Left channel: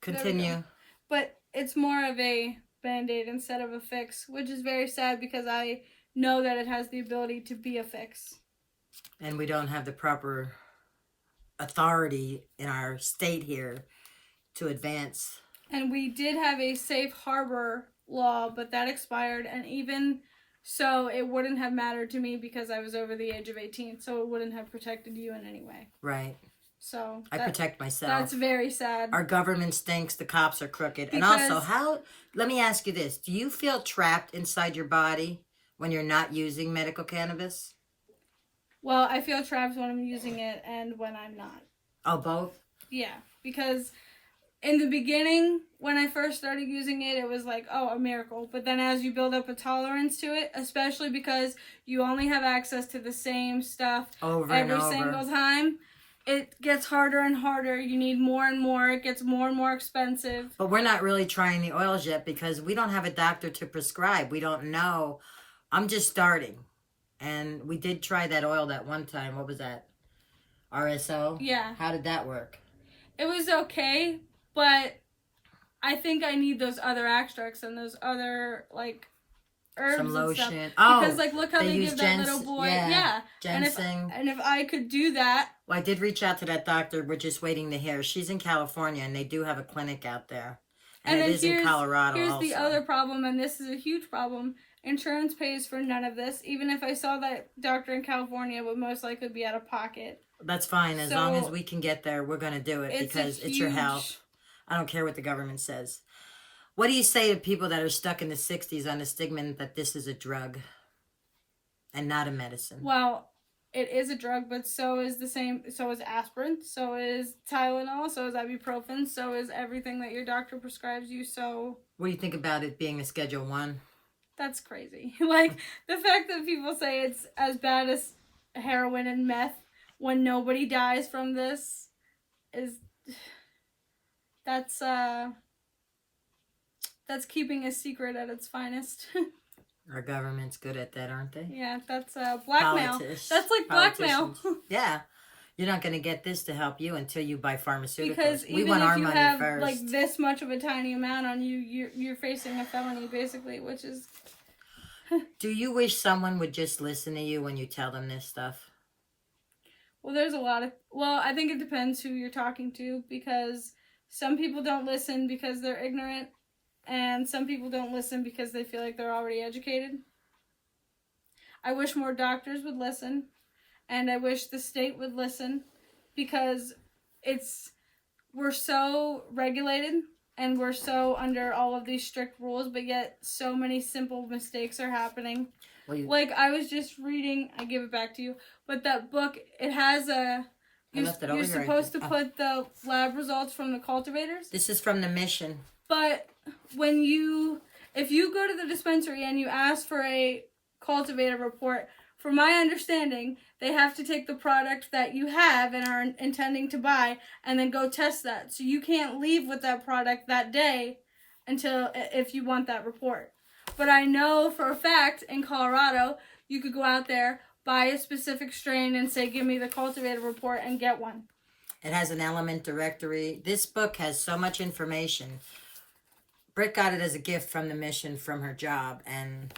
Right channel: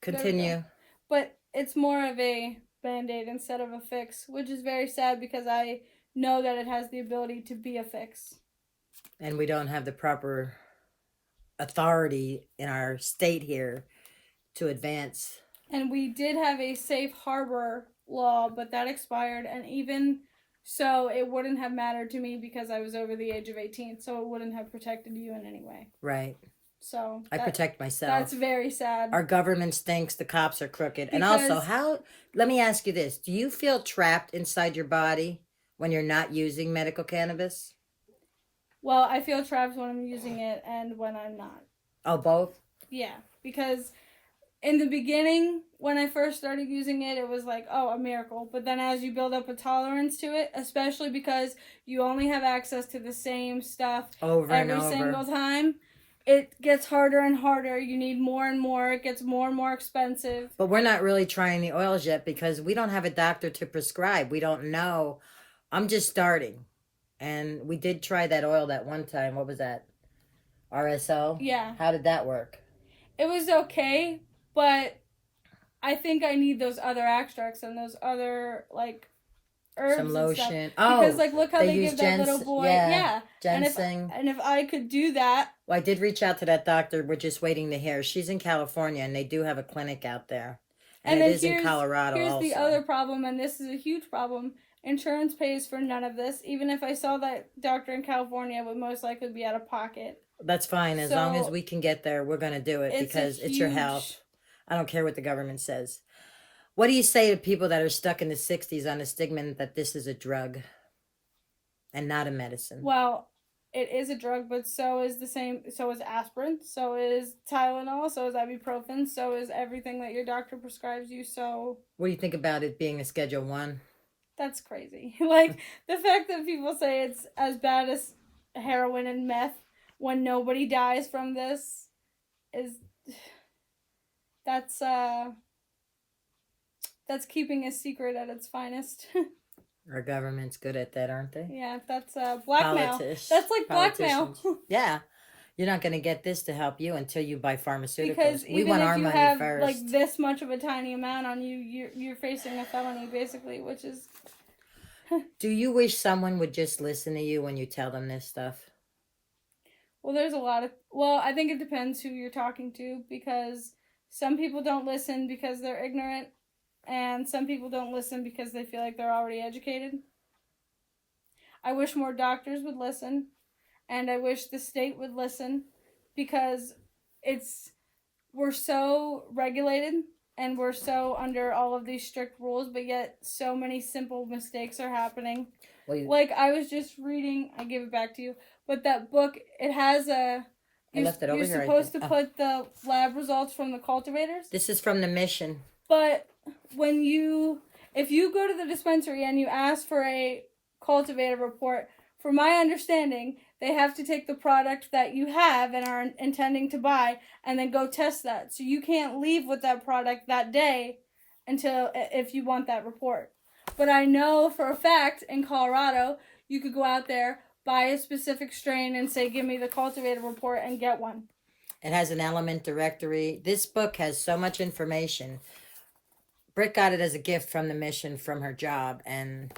Continue. But it's more of a band-aid instead of a fix, which is very sad because I know that it has the ability to be a fix. And we don't have the proper authority in our state here to advance. And we did have a safe harbor law, but that expired, and even so, it wouldn't have mattered to me because I was over the age of 18, so it wouldn't have protected you in any way. Right. So I protect myself. That's very sad. Our government stinks. The cops are crooked. And also, let me ask you this. Do you feel trapped inside your body when you're not using medical cannabis? Well, I feel trapped when I'm using it and when I'm not. Oh, both? Yeah, because in the beginning, when I first started using it, it was like, oh, a miracle. But then as you build up a tolerance to it, especially because you only have access to the same stuff every single time, it gets harder and harder. You need more and more. It gets more and more expensive. But we're not really trying the oils yet because we don't have a doctor to prescribe. We don't know. I'm just starting. And we did try that oil that one time. What was that? RSO? Yeah. How did that work? It was okay, but I think I need those other extracts and those other, like, herbs. Some lotion. And stuff. Because, like, look how they give that little boy. Yeah. Ginseng. And if I could do that. Well, I did reach out to that doctor. We're just waiting to hear. She's in California, and they do have a clinic out there. And it is in Colorado here's also. The other problem, and this is a huge problem. Insurance pays for none of this. Even if I saw that doctor in California, it would most likely be out of pocket. That's fine. As long as we can get there, we're going to do it because it's your health. I don't care what the government says. What do you say to people that are stuck in the 60s on the stigma that this is a drug and not a medicine? Well, it is a drug, but so is aspirin, so is Tylenol, so is ibuprofen, so is everything that your doctor prescribes you. So what do you think about it being a Schedule 1? That's crazy. Like, the fact that people say it's as bad as heroin and meth when nobody dies from this is... That's keeping a secret at its finest. Our government's good at that, aren't they? Yeah, that's blackmail. That's like blackmail. Yeah. You're not going to get this to help you until you buy pharmaceuticals. Because we want our money have, first. Like, this much of a tiny amount on you, you're facing a felony, basically, which is... Do you wish someone would just listen to you when you tell them this stuff? Well, there's a lot of... Well, I think it depends who you're talking to, because some people don't listen because they're ignorant, and some people don't listen because they feel like they're already educated. I wish more doctors would listen, and I wish the state would listen, because we're so regulated and we're so under all of these strict rules, but yet so many simple mistakes are happening. Like, I was just reading, I give it back to you, but that book, it has a... You're supposed to put the lab results from the cultivators. This is from the Mission. But if you go to the dispensary and you ask for a cultivator report, from my understanding, they have to take the product that you have and are intending to buy and then go test that. So you can't leave with that product that day if you want that report. But I know for a fact in Colorado, you could go out there, buy a specific strain and say, give me the cultivator report, and get one. It has an element directory. This book has so much information. Britt got it as a gift from the Mission from her job, and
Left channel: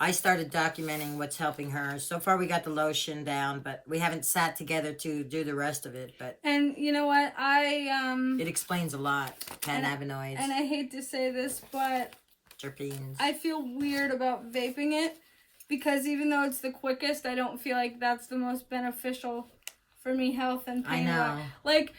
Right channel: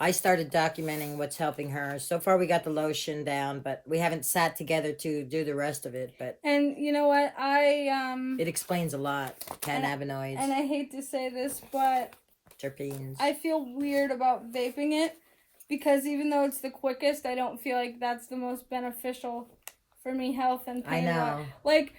I started documenting what's helping her. So far we got the lotion down, but we haven't sat together to do the rest of it. And you know what? It explains a lot. Cannabinoids. And I hate to say this, but terpenes. I feel weird about vaping it, because even though it's the quickest, I don't feel like that's the most beneficial for me, health and pain. I know. Like,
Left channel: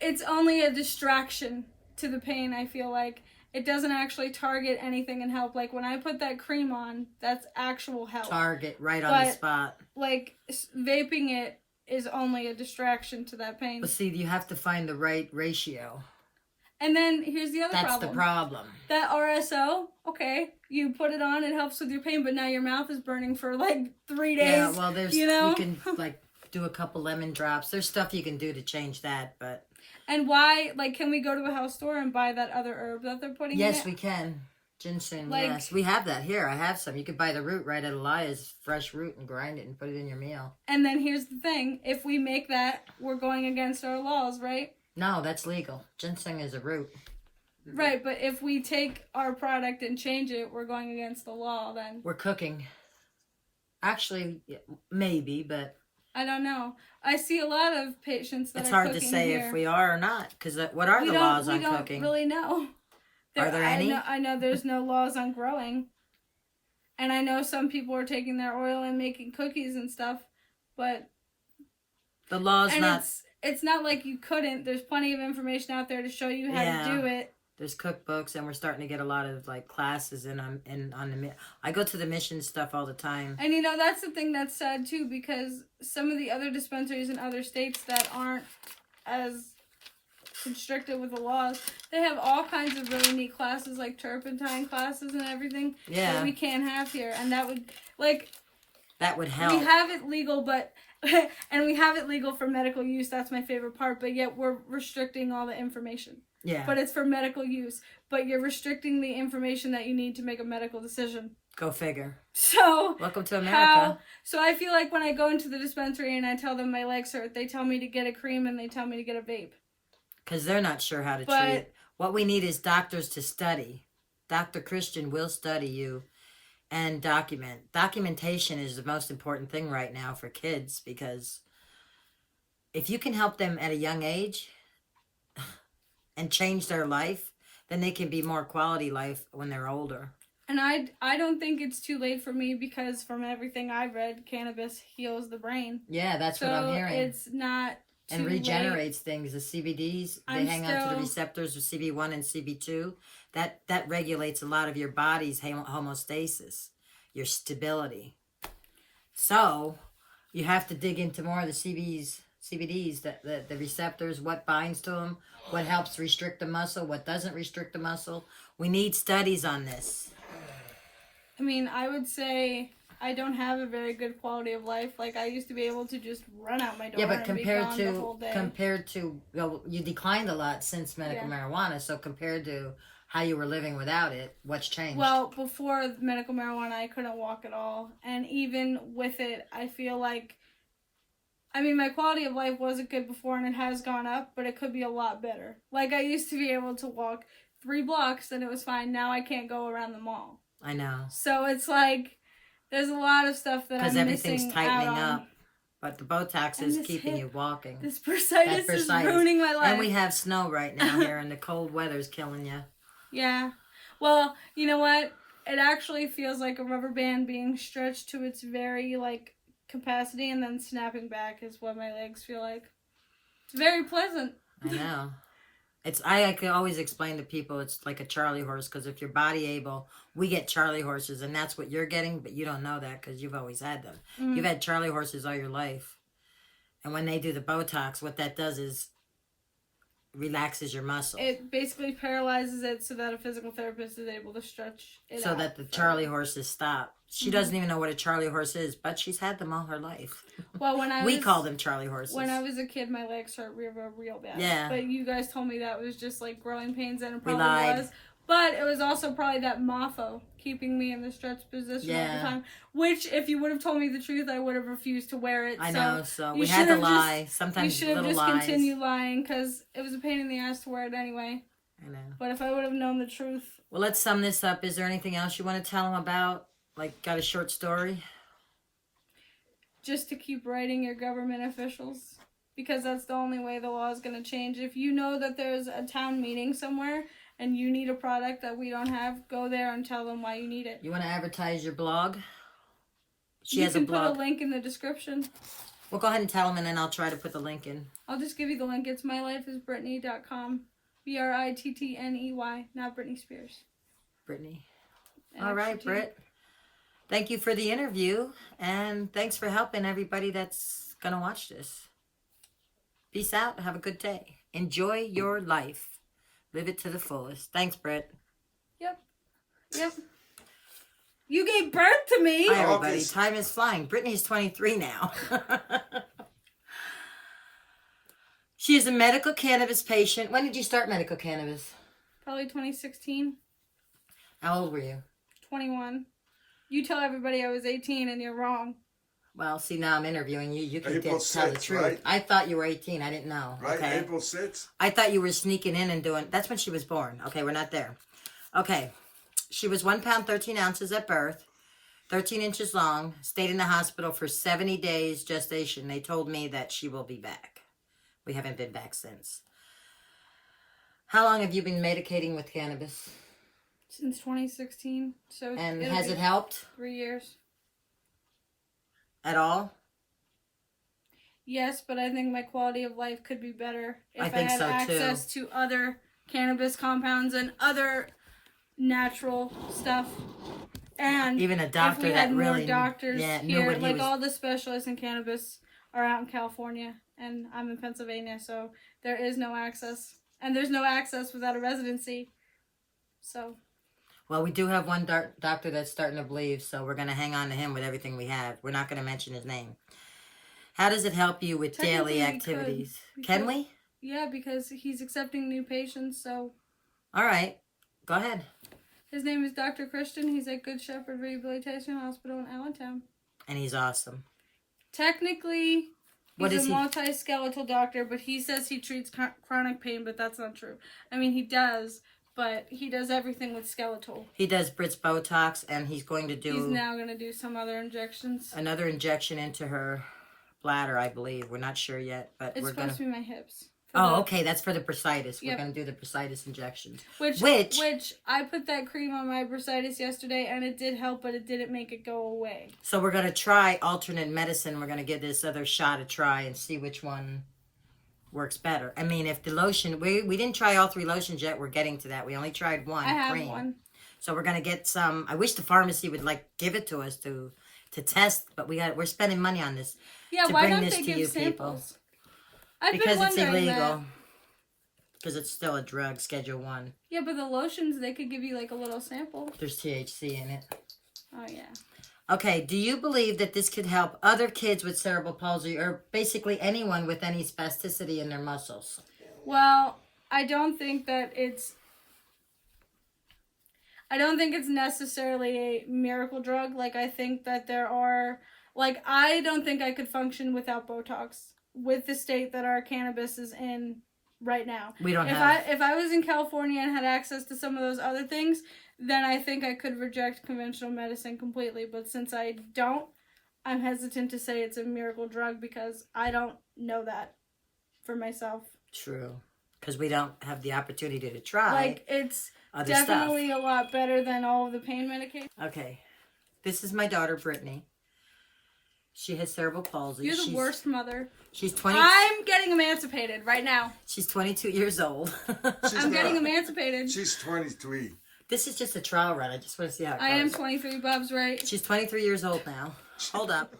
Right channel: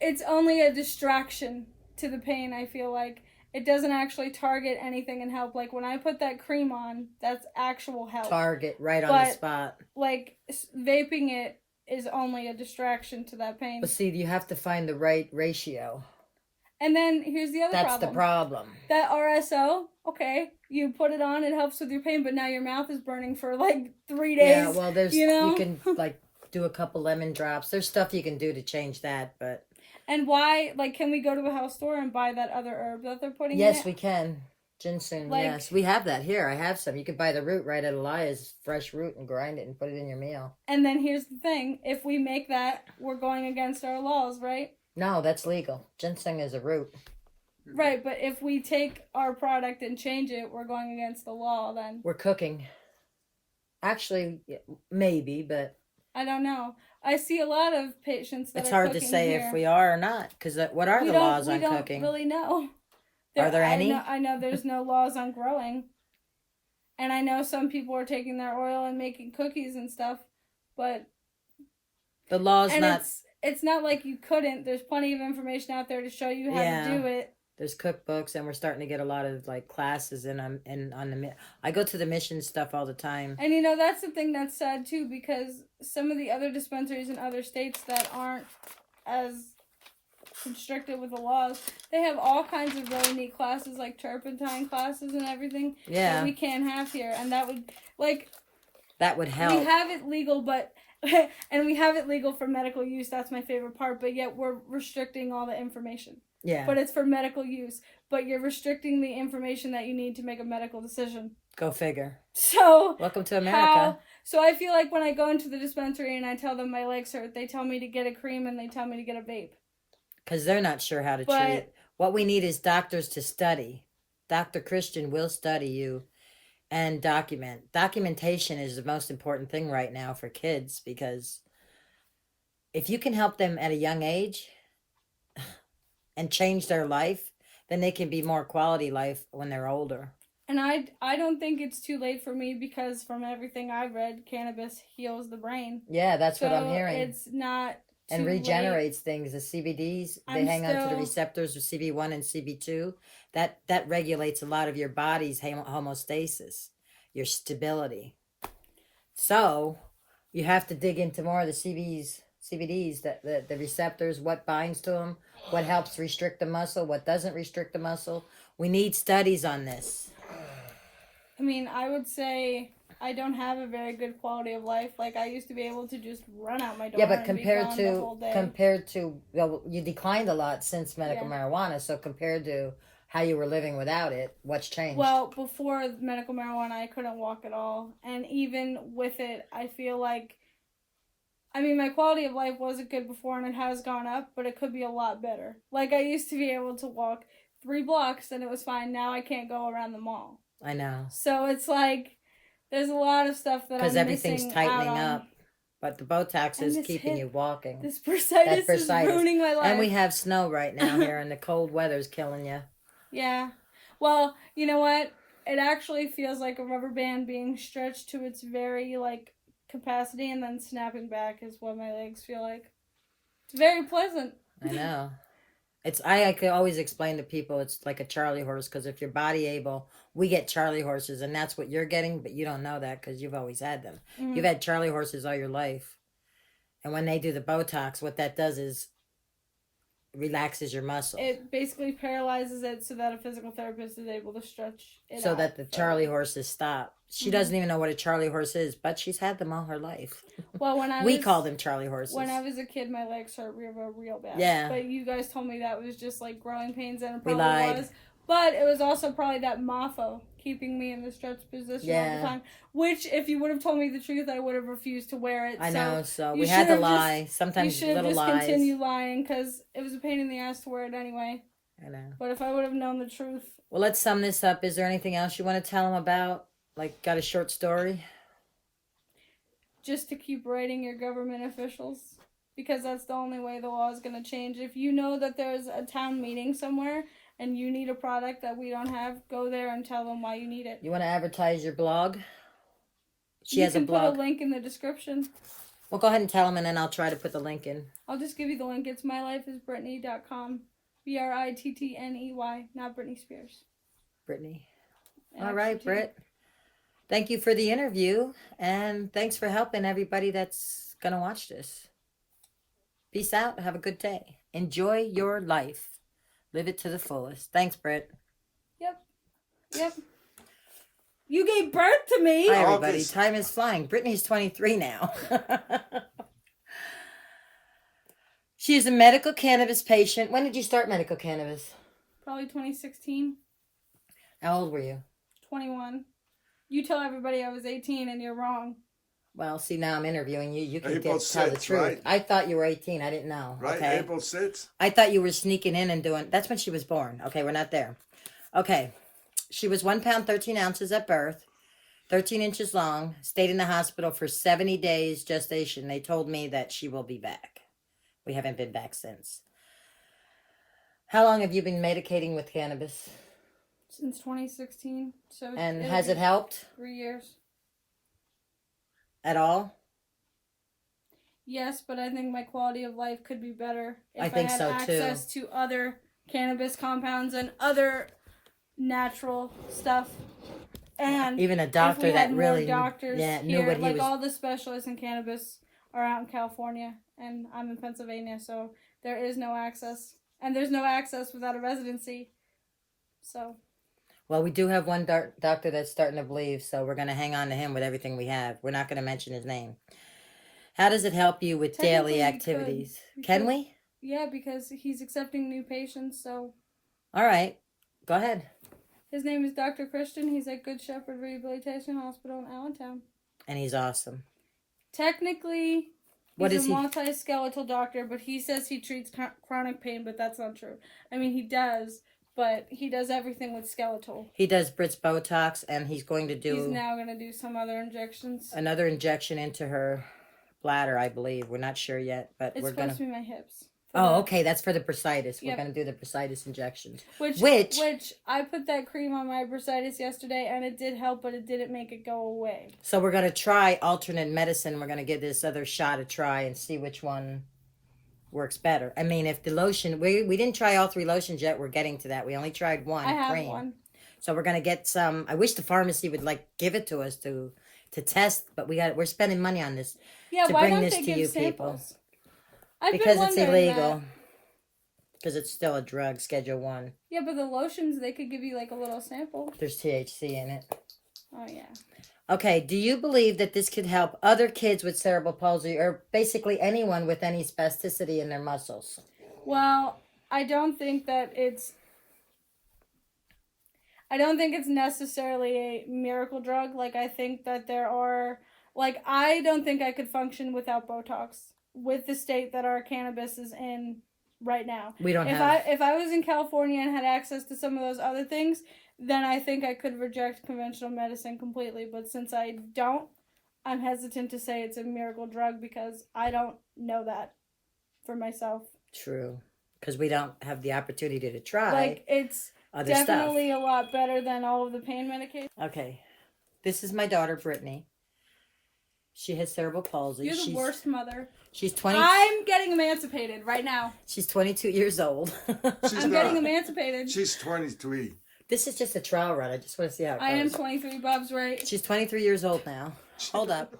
it's only a distraction to the pain, I feel like. It doesn't actually target anything and help. Like, when I put that cream on, that's actual help. Target right on the spot. Like, vaping it is only a distraction to that pain. Well, see, you have to find the right ratio. And then here's the other problem. That's the problem. That RSO, okay, you put it on, it helps with your pain, but now your mouth is burning for like 3 days. Yeah, well, you can like do a couple lemon drops. There's stuff you can do to change that, but. And why, like, can we go to a health store and buy that other herb that they're putting in it? Yes, we can. Ginseng, yes. We have that here. I have some. You can buy the root right at Elias, fresh root, and grind it and put it in your meal. And then here's the thing. If we make that, we're going against our laws, right? No, that's legal. Ginseng is a root. Right, but if we take our product and change it, we're going against the law then. We're cooking. Actually, maybe, but I don't know. I see a lot of patients that it's are hard to cooking say here. if we are or not. Because what are the laws on we don't cooking? really know. Are there any? I know there's no laws on growing. And I know some people are taking their oil and making cookies and stuff, but the law's not. It's not like you couldn't. There's plenty of information out there to show you how to do it. There's cookbooks, and we're starting to get a lot of like classes on the. I go to the mission stuff all the time. And that's the thing that's sad too, because some of the other dispensaries in other states that aren't as constricted with the laws, they have all kinds of really neat classes, like turpentine classes and everything. Yeah. That we can't have here, and that would help. We have it legal, but and we have it legal for medical use. That's my favorite part. But yet we're restricting all the information. Yeah. But it's for medical use. But you're restricting the information that you need to make a medical decision. Go figure. So welcome to America. So I feel like when I go into the dispensary and I tell them my legs hurt, they tell me to get a cream and they tell me to get a vape. Because they're not sure how to treat. What we need is doctors to study. Dr. Christian will study you and document. Documentation is the most important thing right now for kids, because if you can help them at a young age and change their life, then they can be more quality life when they're older. And I don't think it's too late for me, because from everything I've read, cannabis heals the brain. Yeah, that's what I'm hearing. It's not too and regenerates late. Things. The CBDs, they hang on to the receptors of CB1 and CB2. That regulates a lot of your body's homeostasis, your stability. So you have to dig into more of the CBDs, the receptors, what binds to them, what helps restrict the muscle, what doesn't restrict the muscle. We need studies on this. I mean, I would say I don't have a very good quality of life. Like, I used to be able to just run out my door. Yeah, but and compared to the whole day. You declined a lot since medical marijuana. So compared to how you were living without it, what's changed? Well, before medical marijuana, I couldn't walk at all, and even with it, I feel like, I mean, my quality of life wasn't good before, and it has gone up, but it could be a lot better. Like, I used to be able to walk 3 blocks, and it was fine. Now I can't go around the mall. I know. So it's like, there's a lot of stuff that I'm missing out on. Because everything's tightening up. But the Botox is keeping you walking. This bursitis is ruining my life. And we have snow right now here, and the cold weather's killing you. Yeah. Well, you know what? It actually feels like a rubber band being stretched to its very, capacity and then snapping back is what my legs feel like. It's very pleasant. I know. I could always explain to people it's like a Charlie horse, because if your body able, we get Charlie horses, and that's what you're getting, but you don't know that because you've always had them. Mm-hmm. You've had Charlie horses all your life. And when they do the Botox, what that does is relaxes your muscle. It basically paralyzes it so that a physical therapist is able to stretch it so that the Charlie horses stop. She doesn't even know what a Charlie horse is, but she's had them all her life. Well, we call them Charlie horses. When I was a kid, my legs hurt real bad. Yeah. But you guys told me that was just growing pains, and it probably was. But it was also probably that mofo keeping me in the stretched position all the time. Which, if you would have told me the truth, I would have refused to wear it. I know, so we had to lie. Sometimes you should have just continued lying, because it was a pain in the ass to wear it anyway. I know. But if I would have known the truth. Well, let's sum this up. Is there anything else you want to tell them about? Got a short story? Just to keep writing your government officials. Because that's the only way the law is going to change. If you know that there's a town meeting somewhere and you need a product that we don't have, go there and tell them why you need it. You want to advertise your blog? She has a blog. You can put a link in the description. Well, go ahead and tell them, and then I'll try to put the link in. I'll just give you the link. It's mylifeisbrittany.com. Brittney, not Britney Spears. Brittany. All right, Britt. Thank you for the interview, and thanks for helping everybody that's going to watch this. Peace out. Have a good day. Enjoy your life. Live it to the fullest. Thanks, Britt. Yep. You gave birth to me. Hi, everybody. Time is flying. Brittany's 23 now. She is a medical cannabis patient. When did you start medical cannabis? Probably 2016. How old were you? 21. You tell everybody I was 18 and you're wrong. Well, see, now I'm interviewing you. You can April tell the 6th, truth. right? I thought you were 18. I didn't know. Right, Okay. April 6th? I thought you were sneaking in and doing... That's when she was born. Okay, we're not there. Okay. She was 1 pound, 13 ounces at birth, 13 inches long, stayed in the hospital for 70 days gestation. They told me that she will be back. We haven't been back since. How long have you been medicating with cannabis? Since 2016. So And has it helped 3 years. at all? Yes, but I think my quality of life could be better if I think had so, too. access to other cannabis compounds and other natural stuff. And Even a doctor if we had that more really doctors knew here, what he like was... all the specialists in cannabis are out in California, and I'm in Pennsylvania, so there is no access. And there's no access without a residency. So... Well, we do have one doctor that's starting to believe, so we're going to hang on to him with everything we have. We're not going to mention his name. How does it help you with Technically, daily we activities? could. Can we? Yeah, because he's accepting new patients, so... All right. Go ahead. His name is Dr. Christian. He's at Good Shepherd Rehabilitation Hospital in Allentown. And he's awesome. Technically, What he's is a he? multi-skeletal doctor, but he says he treats chronic pain, but that's not true. I mean, he does, but he does everything with skeletal. He does Brits Botox, and he's going to do He's now going to do some other injections. another injection into her bladder, I believe. We're not sure yet, but It's we're going supposed to... to be my hips. Oh, okay. That's for the bursitis. We're Yep. going to do the bursitis injections. Which I put that cream on my bursitis yesterday, and it did help, but it didn't make it go away. So we're going to try alternate medicine. We're going to give this other shot a try and see which one works better. I mean, if the lotion... We didn't try all 3 lotions yet. We're getting to that. We only tried one I have cream. one. So we're going to get some... I wish the pharmacy would, give it to us to test, but we're spending money on this. Yeah, to why bring don't this they to give you samples? Because it's wondering illegal. that. Because it's still a drug, Schedule 1. Yeah, but the lotions, they could give you like a little sample. There's THC in it. Oh, yeah. Okay, do you believe that this could help other kids with cerebral palsy or basically anyone with any spasticity in their muscles? Well, I don't think it's necessarily a miracle drug. Like, I think that there are... Like, I don't think I could function without Botox with the state that our cannabis is in right now. We don't If I was in California and had access to some of those other things, then I think I could reject conventional medicine completely. But since I don't, I'm hesitant to say it's a miracle drug because I don't know that for myself. True. Because we don't have the opportunity to try Like, it's other definitely stuff. a lot better than all of the pain medication. Okay. This is my daughter, Brittany. She has cerebral palsy. You're the worst mother. She's 20. I'm getting emancipated right now. She's 22 years old. I'm getting emancipated. She's 23. This is just a trial run. I just want to see how it goes. I am 23, Bob's right. She's 23 years old now. Hold up.